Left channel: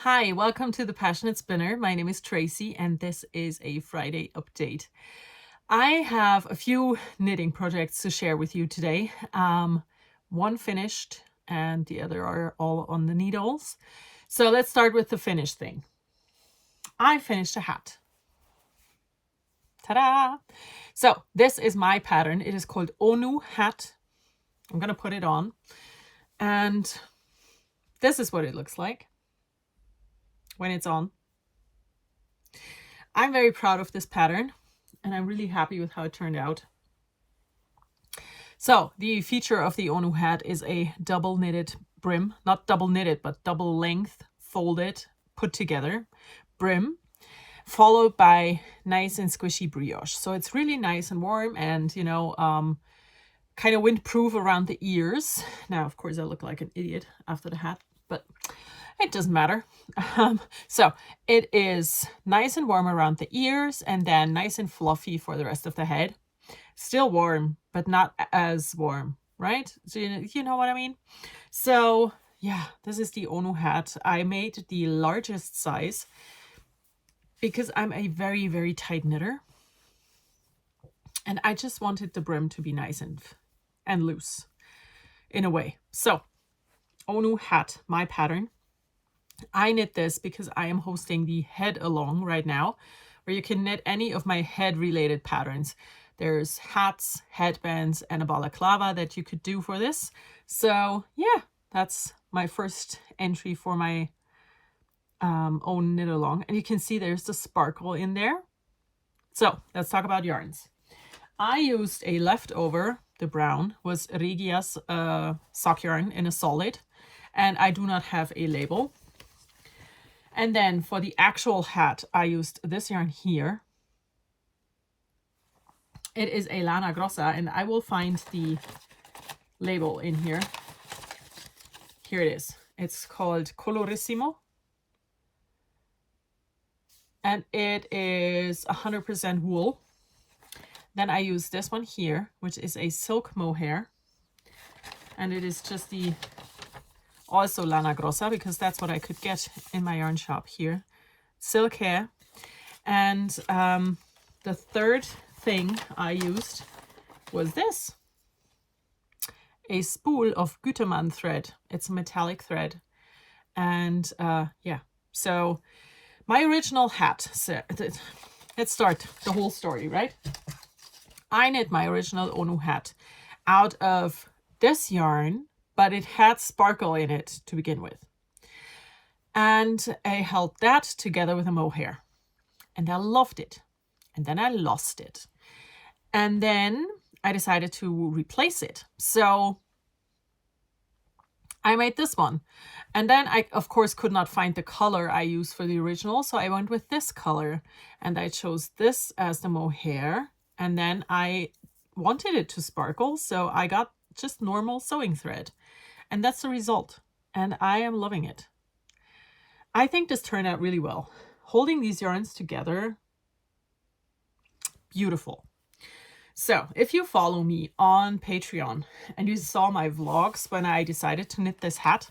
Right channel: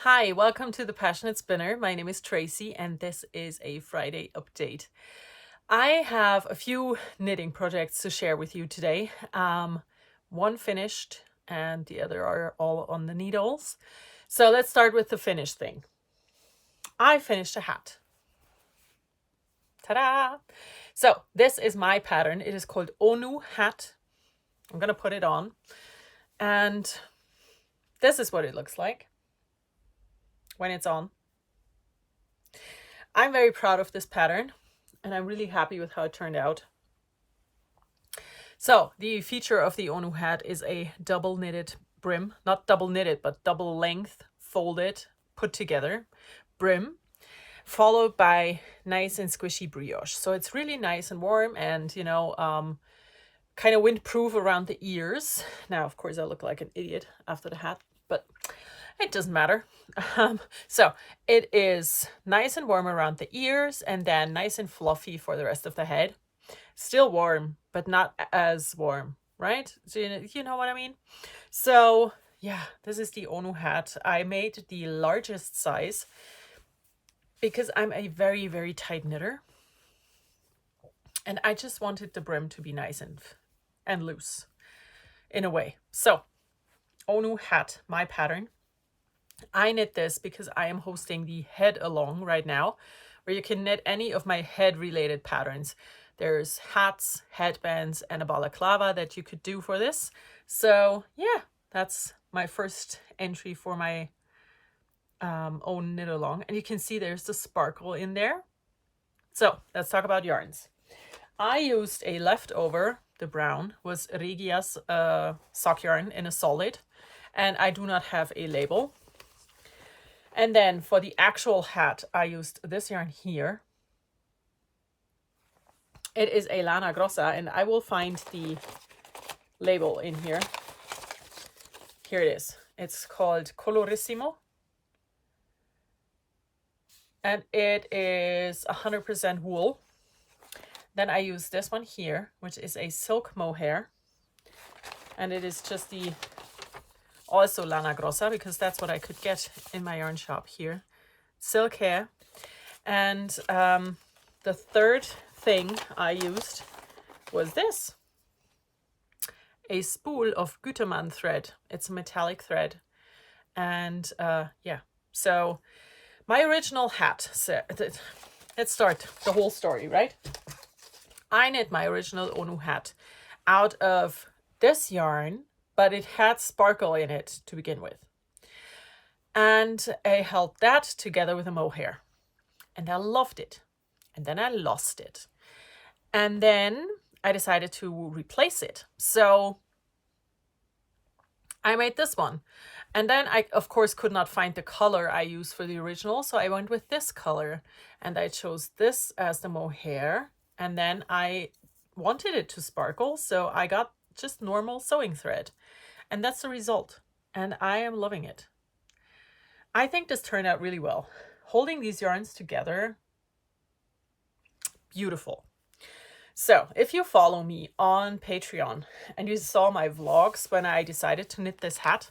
Hi, welcome to the Passionate Spinner. My name is Tracy and this is a Friday update. I have a few knitting projects to share with you today. One finished and the other are all on the needles. So let's start with the finished thing. I finished a hat. Ta-da! So this is my pattern. It is called Onu hat. I'm going to put it on. And this is what it looks like when it's on. I'm very proud of this pattern and I'm really happy with how it turned out. So the feature of the Onu hat is a double knitted brim, not double knitted, but double length, folded, put together brim, followed by nice and squishy brioche. So it's really nice and warm and, kind of windproof around the ears. Now, of course, I look like an idiot after the hat, but it doesn't matter. So it is nice and warm around the ears and then nice and fluffy for the rest of the head. Still warm, but not as warm, right? So you know what I mean? So yeah, this is the Onu hat. I made the largest size because I'm a very, very tight knitter. And I just wanted the brim to be nice and loose in a way. So Onu hat, my pattern. I knit this because I am hosting the head along right now, where you can knit any of my head related patterns. There's hats, headbands, and a balaclava that you could do for this. So yeah, that's my first entry for my own knit along. And you can see there's the sparkle in there. So let's talk about yarns. I used a leftover, the brown, was Regia's sock yarn in a solid. And I do not have a label. And then for the actual hat, I used this yarn here. It is a Lana Grossa, and I will find the label in here. Here it is. It's called Colorissimo. And it is 100% wool. Then I use this one here, which is a silk mohair. And it is just the also Lana Grossa, because that's what I could get in my yarn shop here. Silk hair. And the third thing I used was this. A spool of Gütermann thread. It's a metallic thread. And yeah, so my original hat, so let's start the whole story, right? I knit my original Onu hat out of this yarn, but it had sparkle in it to begin with. And I held that together with a mohair. And I loved it. And then I lost it. And then I decided to replace it. So I made this one. And then I, of course, could not find the color I used for the original. So I went with this color. And I chose this as the mohair. And then I wanted it to sparkle. So I got just normal sewing thread. And that's the result. And I am loving it. I think this turned out really well. Holding these yarns together, beautiful. So if you follow me on Patreon and you saw my vlogs when I decided to knit this hat,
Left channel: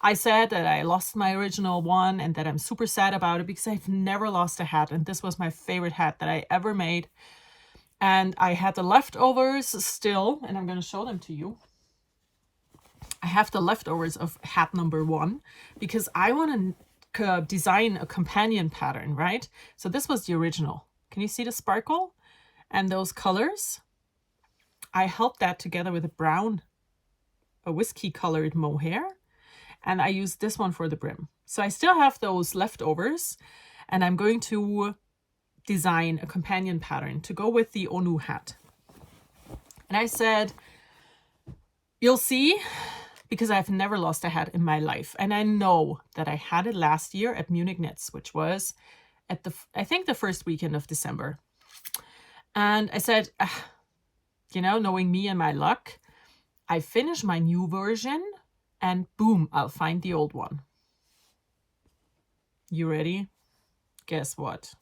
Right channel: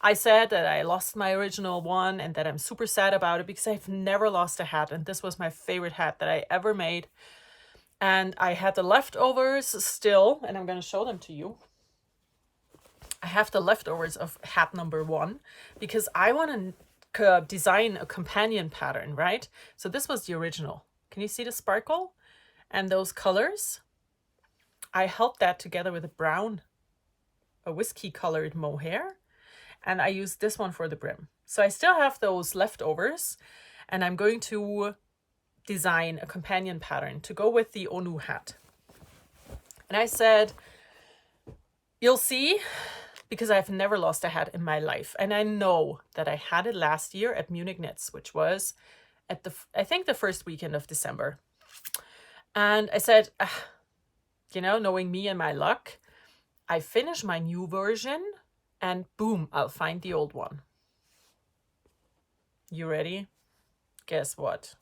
I said that I lost my original one and that I'm super sad about it because I've never lost a hat. And this was my favorite hat that I ever made. And I had the leftovers still, and I'm going to show them to you. I have the leftovers of hat number 1 because I want to design a companion pattern, right? So this was the original. Can you see the sparkle and those colors? I helped that together with a whiskey colored mohair, and I used this one for the brim. So I still have those leftovers, and I'm going to design a companion pattern to go with the Onu hat. And I said, you'll see, because I've never lost a hat in my life. And I know that I had it last year at Munich Knits, which was at I think the first weekend of December. And I said, knowing me and my luck, I finish my new version and boom, I'll find the old one. You ready? Guess what?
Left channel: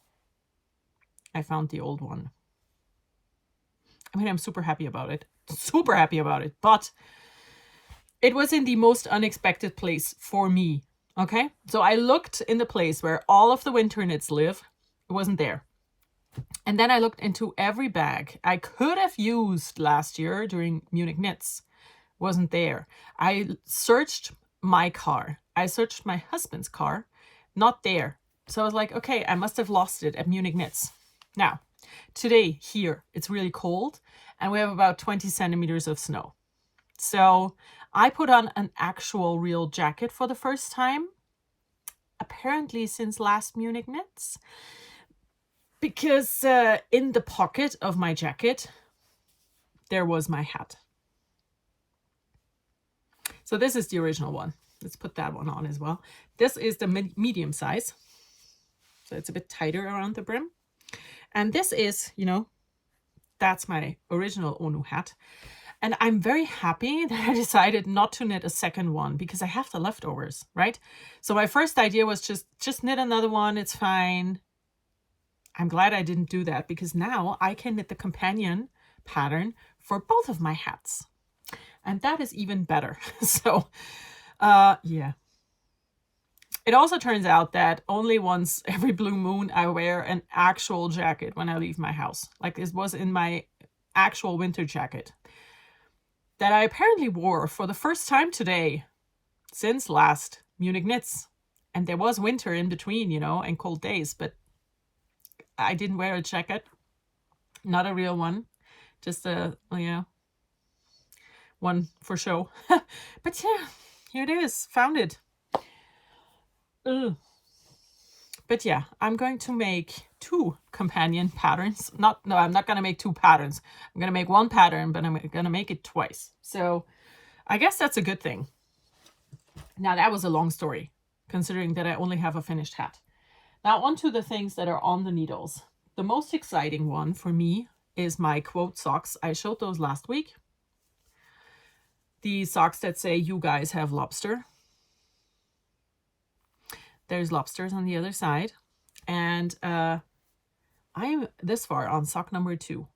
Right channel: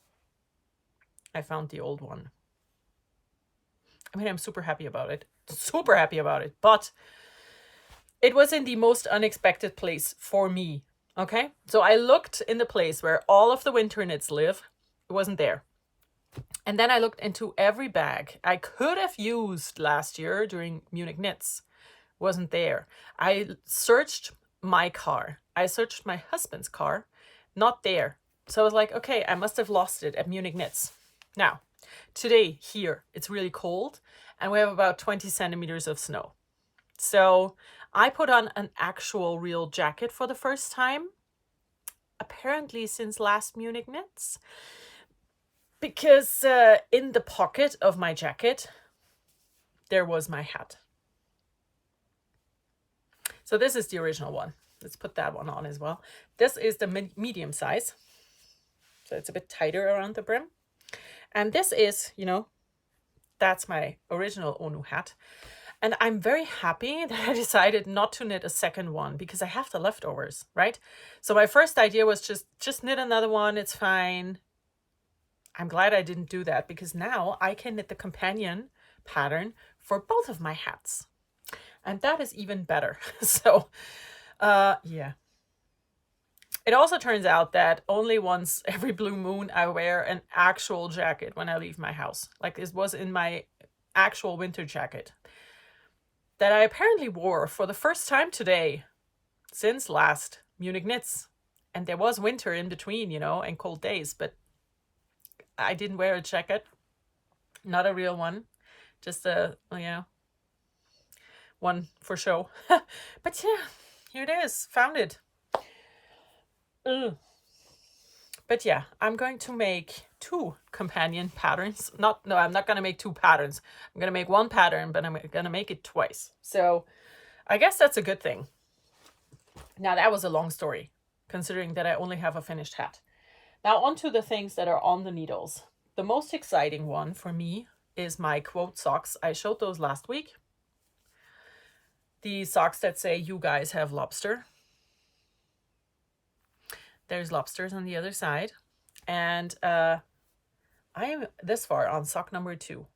I found the old one. I mean, I'm super happy about it. Super happy about it. But it was in the most unexpected place for me. Okay, so I looked in the place where all of the winter knits live. It wasn't there. And then I looked into every bag I could have used last year during Munich Knits. Wasn't there. I searched my car. I searched my husband's car. Not there. So I was like, okay, I must have lost it at Munich Knits. Now, today here, it's really cold and we have about 20 centimeters of snow. So I put on an actual real jacket for the first time, apparently since last Munich Knits, because in the pocket of my jacket, there was my hat. So this is the original one. Let's put that one on as well. This is the medium size. So it's a bit tighter around the brim. And this is, you know, that's my original Onu hat. And I'm very happy that I decided not to knit a second one because I have the leftovers, right? So my first idea was just knit another one. It's fine. I'm glad I didn't do that because now I can knit the companion pattern for both of my hats. And that is even better. So, yeah. It also turns out that only once every blue moon I wear an actual jacket when I leave my house. Like it was in my actual winter jacket that I apparently wore for the first time today since last Munich Knits. And there was winter in between, you know, and cold days, but I didn't wear a jacket. Not a real one. Just a, you know, one for show. But yeah, here it is. Found it. Ugh. But yeah, I'm going to make 2 companion patterns. No, I'm not going to make 2 patterns. I'm going to make 1 pattern, but I'm going to make it twice. So I guess that's a good thing. Now that was a long story, considering that I only have a finished hat. Now on to the things that are on the needles. The most exciting one for me is my quote socks. I showed those last week. The socks that say, "You guys have lobster." There's lobsters on the other side. And I am this far on sock number 2.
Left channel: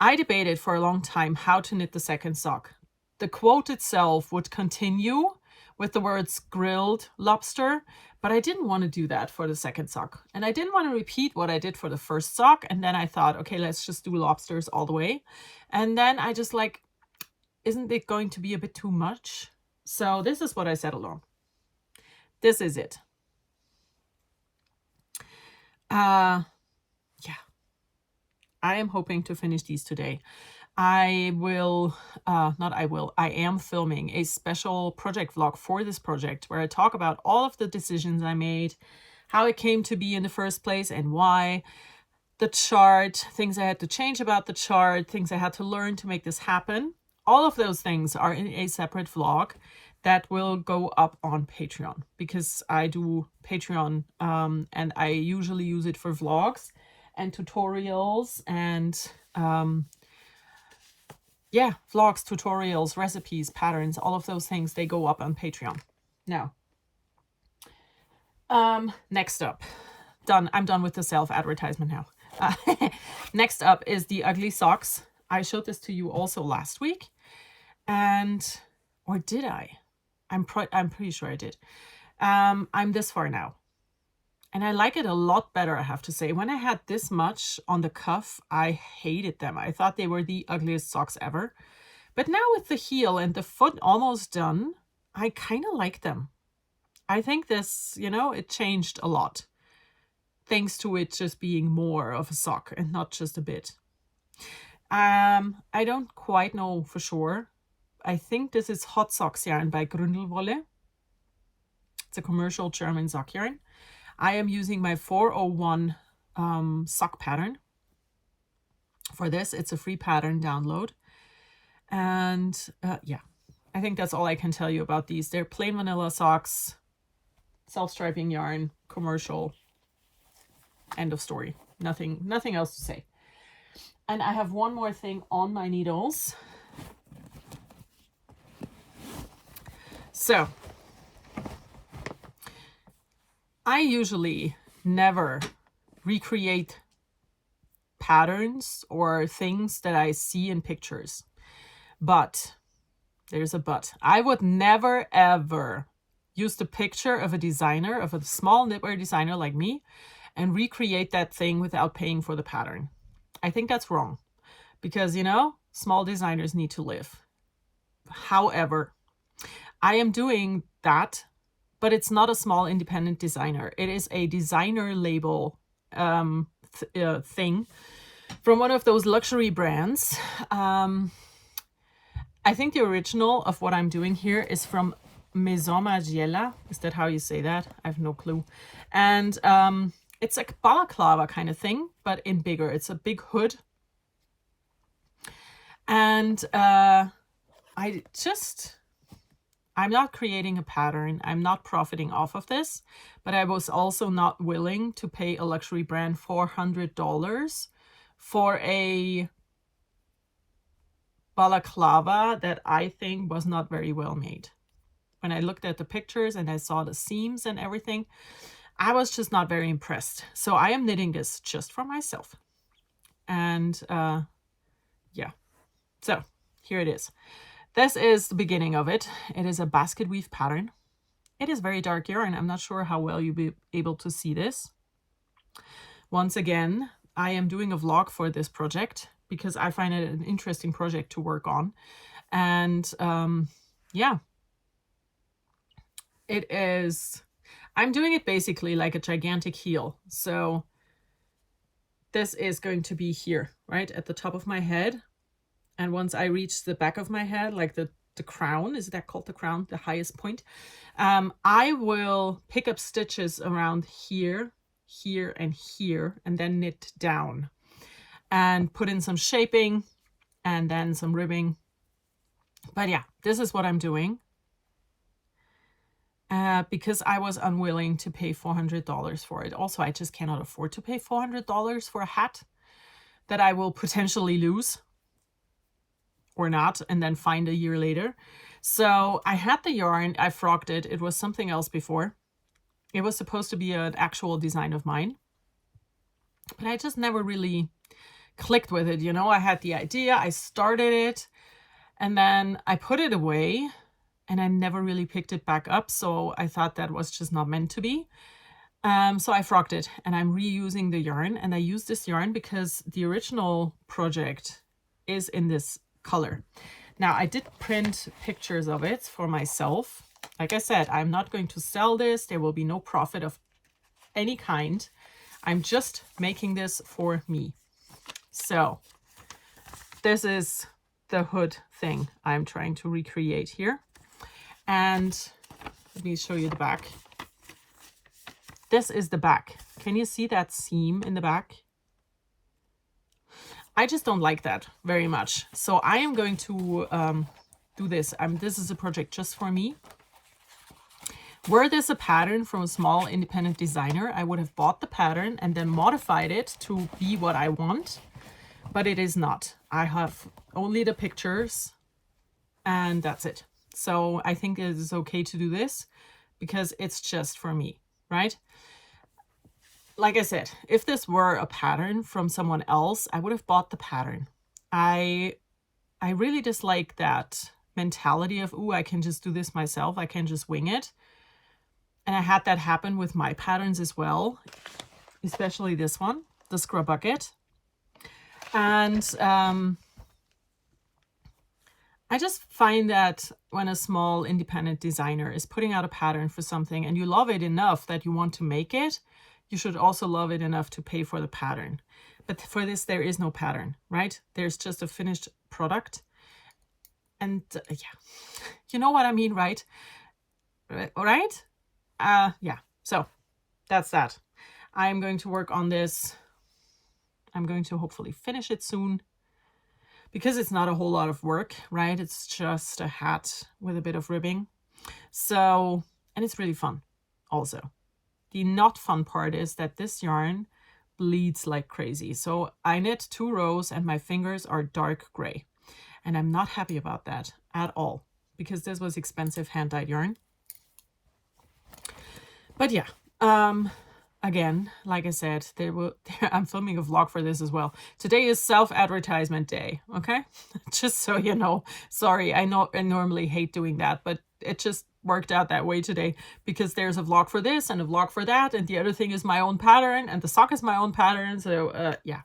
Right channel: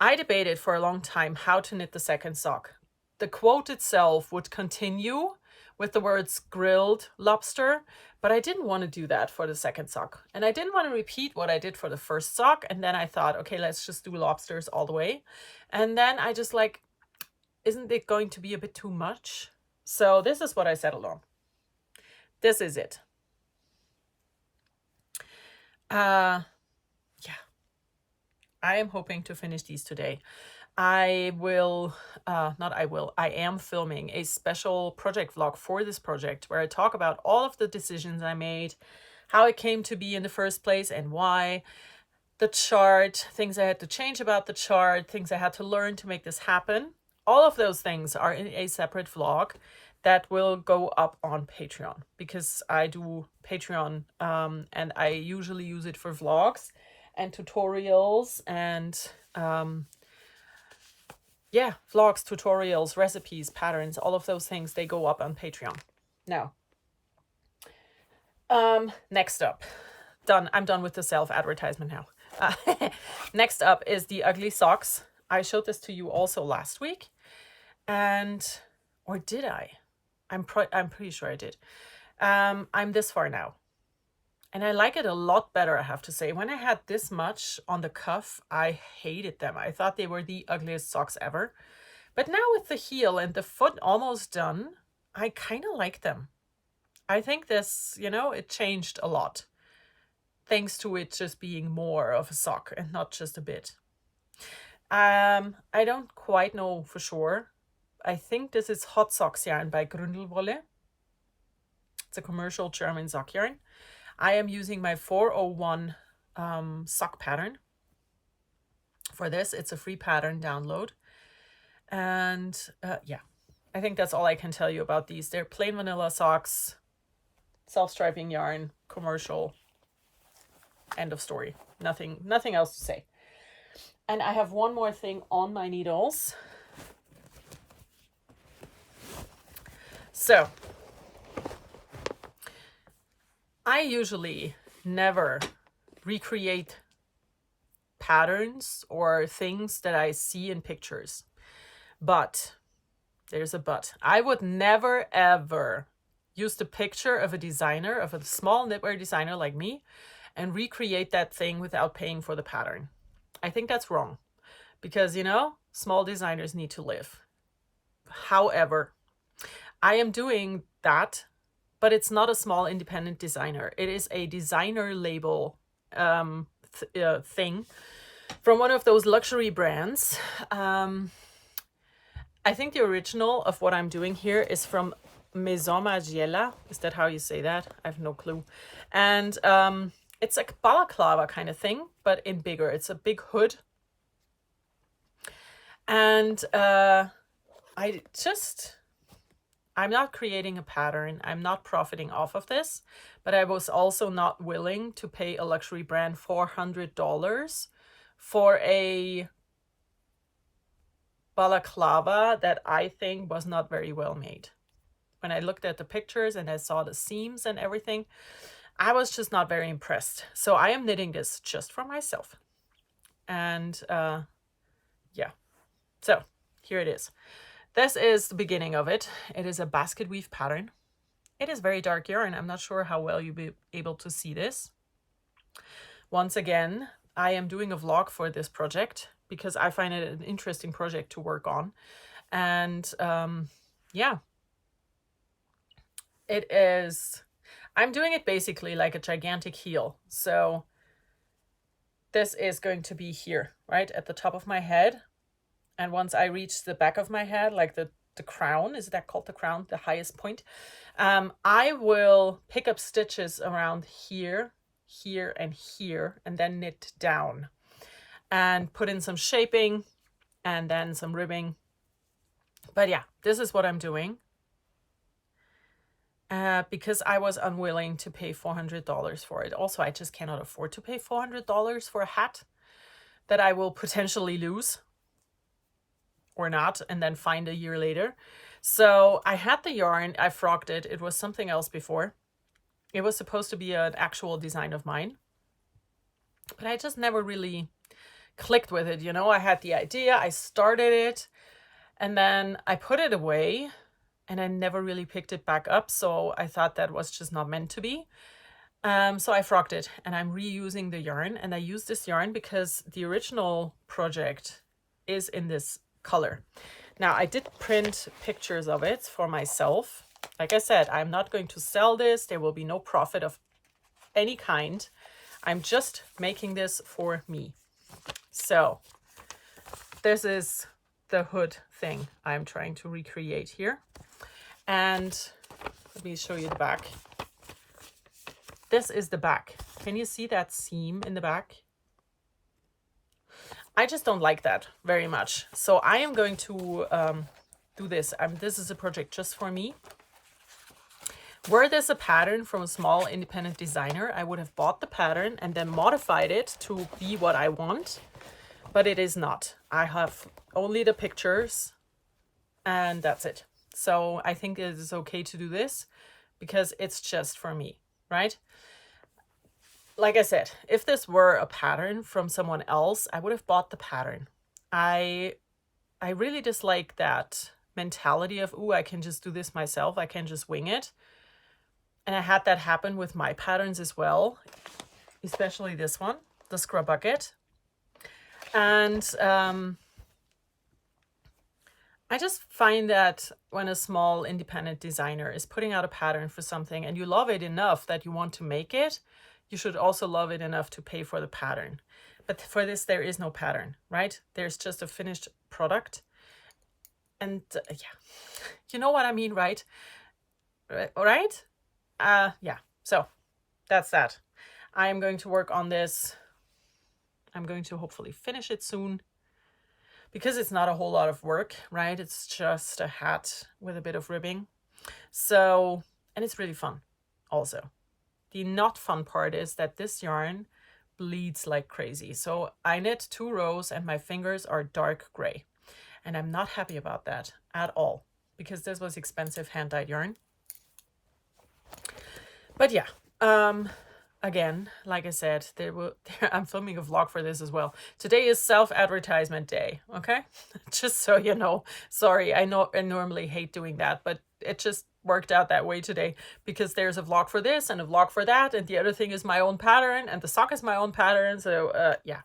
I debated for a long time how to knit the second sock. The quote itself would continue with the words grilled lobster, but I didn't want to do that for the second sock. And I didn't want to repeat what I did for the first sock. And then I thought, okay, let's just do lobsters all the way. And then I just like, isn't it going to be a bit too much? So this is what I settled on. This is it. Yeah. I am hoping to finish these today. I am filming a special project vlog for this project where I talk about all of the decisions I made, how it came to be in the first place and why, the chart, things I had to change about the chart, things I had to learn to make this happen. All of those things are in a separate vlog that will go up on Patreon because I do Patreon and I usually use it for vlogs and tutorials and yeah, vlogs, tutorials, recipes, patterns, all of those things, they go up on Patreon. Now, next up, I'm done with the self-advertisement now. Next up is the ugly socks. I showed this to you also last week. Or did I? I'm pretty sure I did. I'm this far now. And I like it a lot better, I have to say. When I had this much on the cuff, I hated them. I thought they were the ugliest socks ever. But now with the heel and the foot almost done, I kind of like them. I think this, you know, it changed a lot. Thanks to it just being more of a sock and not just a bit. I don't quite know for sure. I think this is Hot Socks yarn by Gründelwolle. It's a commercial German sock yarn. I am using my 401 sock pattern. For this, it's a free pattern download. And yeah, I think that's all I can tell you about these. They're plain vanilla socks, self-striping yarn, commercial. End of story. Nothing else to say. And I have one more thing on my needles. So, I usually never recreate patterns or things that I see in pictures. But, there's a but. I would never ever use the picture of a designer, of a small knitwear designer like me, and recreate that thing without paying for the pattern. I think that's wrong because, you know, small designers need to live. However, I am doing that, but it's not a small independent designer. It is a designer label thing from one of those luxury brands. I think the original of what I'm doing here is from Maison Margiela. Is that how you say that? I have no clue. And it's like balaclava kind of thing, but in bigger. It's a big hood. And I'm not creating a pattern. I'm not profiting off of this, but I was also not willing to pay a luxury brand $400 for a balaclava that I think was not very well made. When I looked at the pictures and I saw the seams and everything, I was just not very impressed. So I am knitting this just for myself. And yeah, so here it is. This is the beginning of it. It is a basket weave pattern. It is very dark yarn. I'm not sure how well you'll be able to see this. Once again, I am doing a vlog for this project because I find it an interesting project to work on. And yeah, it is, I'm doing it basically like a gigantic heel. So this is going to be here, right at the top of my head. And once I reach the back of my head, like the crown, is that called the crown, the highest point, I will pick up stitches around here, here, and here, and then knit down and put in some shaping and then some ribbing. But yeah, this is what I'm doing because I was unwilling to pay $400 for it. Also, I just cannot afford to pay $400 for a hat that I will potentially lose or not, and then find a year later. So I had the yarn, I frogged it. It was something else before. It was supposed to be an actual design of mine, but I just never really clicked with it. You know, I had the idea, I started it, and then I put it away and I never really picked it back up. So I thought that was just not meant to be. So I frogged it and I'm reusing the yarn, and I use this yarn because the original project is in this color. Now I did print pictures of it for myself. Like I said, I'm not going to sell this. There will be no profit of any kind. I'm just making this for me. So this is the hood thing I'm trying to recreate here. And let me show you the back. This is the back. Can you see that seam in the back? I just don't like that very much. So I am going to do this. This is a project just for me. Were this a pattern from a small independent designer, I would have bought the pattern and then modified it to be what I want. But it is not. I have only the pictures and that's it. So I think it is okay to do this because it's just for me, right? Like I said, if this were a pattern from someone else, I would have bought the pattern. I really dislike that mentality of, ooh, I can just do this myself. I can just wing it. And I had that happen with my patterns as well, especially this one, the scrub bucket. And I just find that when a small independent designer is putting out a pattern for something and you love it enough that you want to make it, you should also love it enough to pay for the pattern. But for this, there is no pattern, right? There's just a finished product. And yeah, you know what I mean, right? Right? Yeah, so that's that. I'm going to work on this. I'm going to hopefully finish it soon because it's not a whole lot of work, right? It's just a hat with a bit of ribbing. So, and it's really fun also. The not fun part is that this yarn bleeds like crazy. So I knit 2 rows and my fingers are dark gray. And I'm not happy about that at all because this was expensive hand-dyed yarn. But yeah, again, like I said, I'm filming a vlog for this as well. Today is self-advertisement day, okay? Just so you know. Sorry, I know I normally hate doing that, but it just worked out that way today, because there's a vlog for this and a vlog for that, and the other thing is my own pattern, and the sock is my own pattern. So yeah,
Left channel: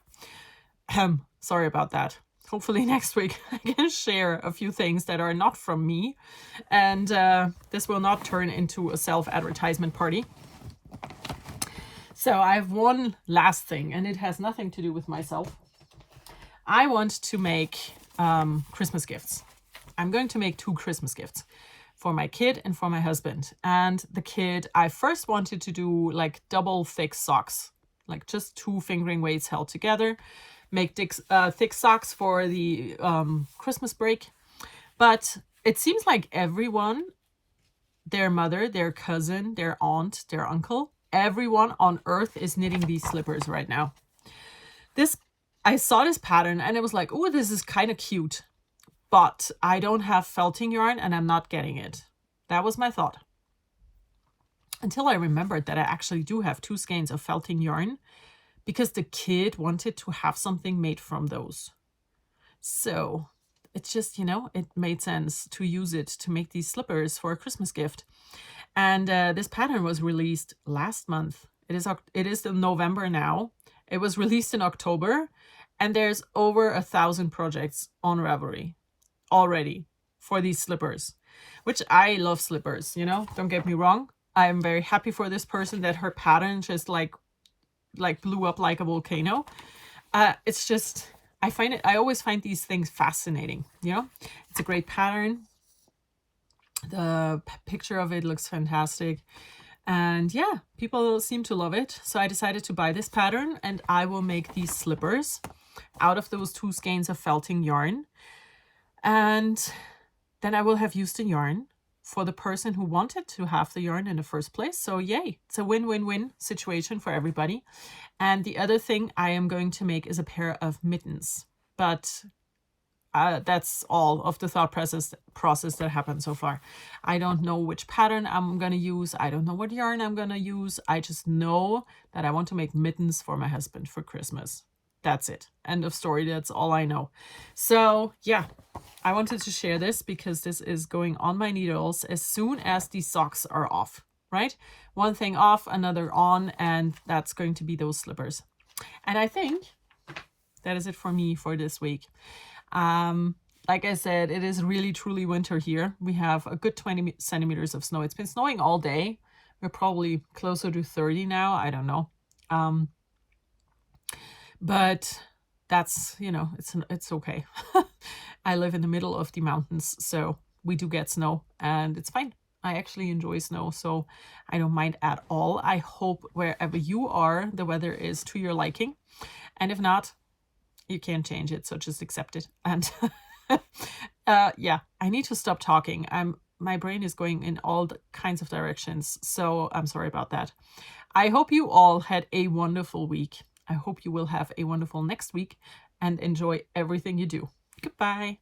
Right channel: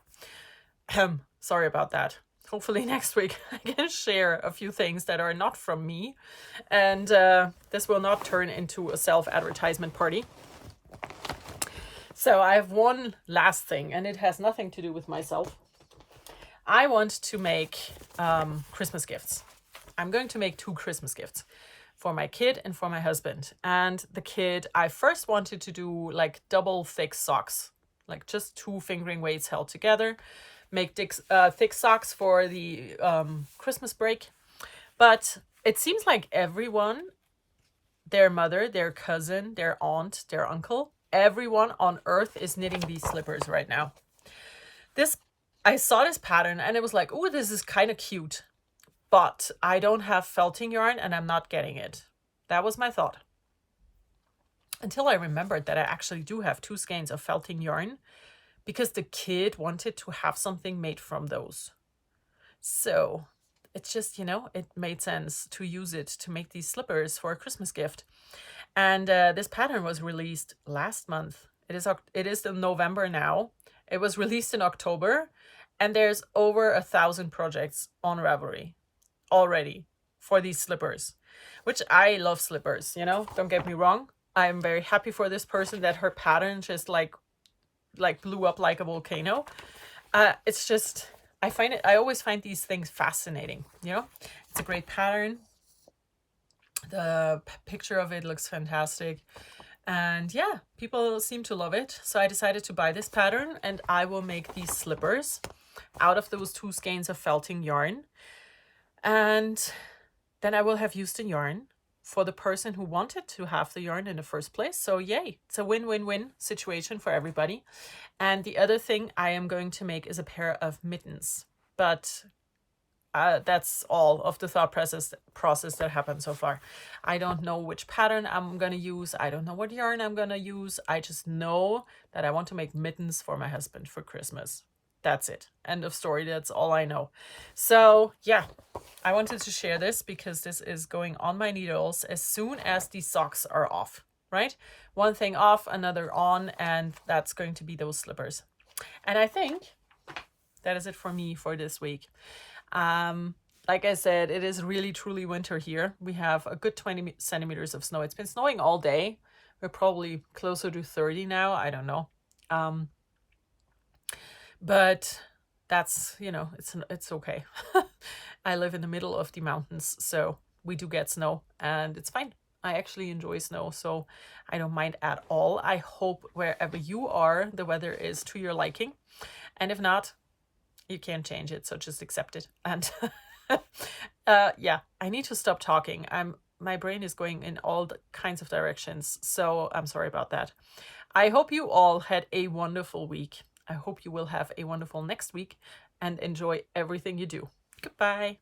sorry about that. Hopefully next week I can share a few things that are not from me, and this will not turn into a self-advertisement party. So I have one last thing, and it has nothing to do with myself. I want to make Christmas gifts. I'm going to make 2 Christmas gifts for my kid and for my husband. And the kid, I first wanted to do like double thick socks, like just 2 fingering weights held together, make thick socks for the Christmas break. But it seems like everyone, their mother, their cousin, their aunt, their uncle, everyone on earth is knitting these slippers right now. I saw this pattern and it was like, oh, this is kind of cute, but I don't have felting yarn and I'm not getting it. That was my thought. Until I remembered that I actually do have 2 skeins of felting yarn, because the kid wanted to have something made from those. So it's just, you know, it made sense to use it to make these slippers for a Christmas gift. And this pattern was released last month. It is in November now. It was released in October, and there's over 1,000 projects on Ravelry already for these slippers, which I love slippers, you know, don't get me wrong. I'm very happy for this person that her pattern just like blew up like a volcano. It's just, I always find these things fascinating, you know. It's a great pattern. The picture of it looks fantastic. And yeah, people seem to love it. So I decided to buy this pattern, and I will make these slippers out of those 2 skeins of felting yarn. And then I will have used the yarn for the person who wanted to have the yarn in the first place. So yay, it's a win-win-win situation for everybody. And the other thing I am going to make is a pair of mittens. But that's all of the thought process that happened so far. I don't know which pattern I'm going to use. I don't know what yarn I'm going to use. I just know that I want to make mittens for my husband for Christmas. That's it. End of story. That's all I know. So yeah, I wanted to share this because this is going on my needles as soon as these socks are off, right? One thing off, another on, and that's going to be those slippers. And I think that is it for me for this week. Like I said, it is really truly winter here. We have a good 20 centimeters of snow. It's been snowing all day. We're probably closer to 30 now. I don't know. But that's, you know, it's okay. I live in the middle of the mountains, so we do get snow, and it's fine. I actually enjoy snow, so I don't mind at all. I hope wherever you are, the weather is to your liking. And if not, you can't change it, so just accept it. And yeah, I need to stop talking. My brain is going in all kinds of directions, so I'm sorry about that. I hope you all had a wonderful week. I hope you will have a wonderful next week and enjoy everything you do. Goodbye.